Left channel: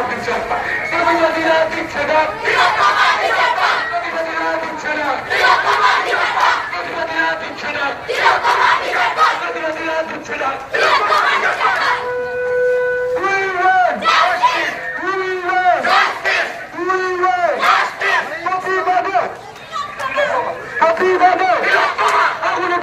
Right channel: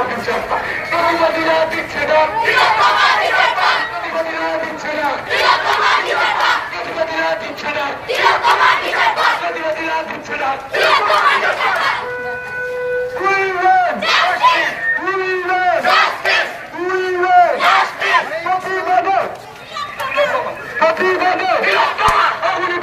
প্রতিবাদীরা দিচ্ছে না, প্রতিবাদীরা দিচ্ছে না, প্রতিবাদীরা দিচ্ছে না, প্রতিবাদীরা দিচ্ছে না। প্রতিবাদে আগুনে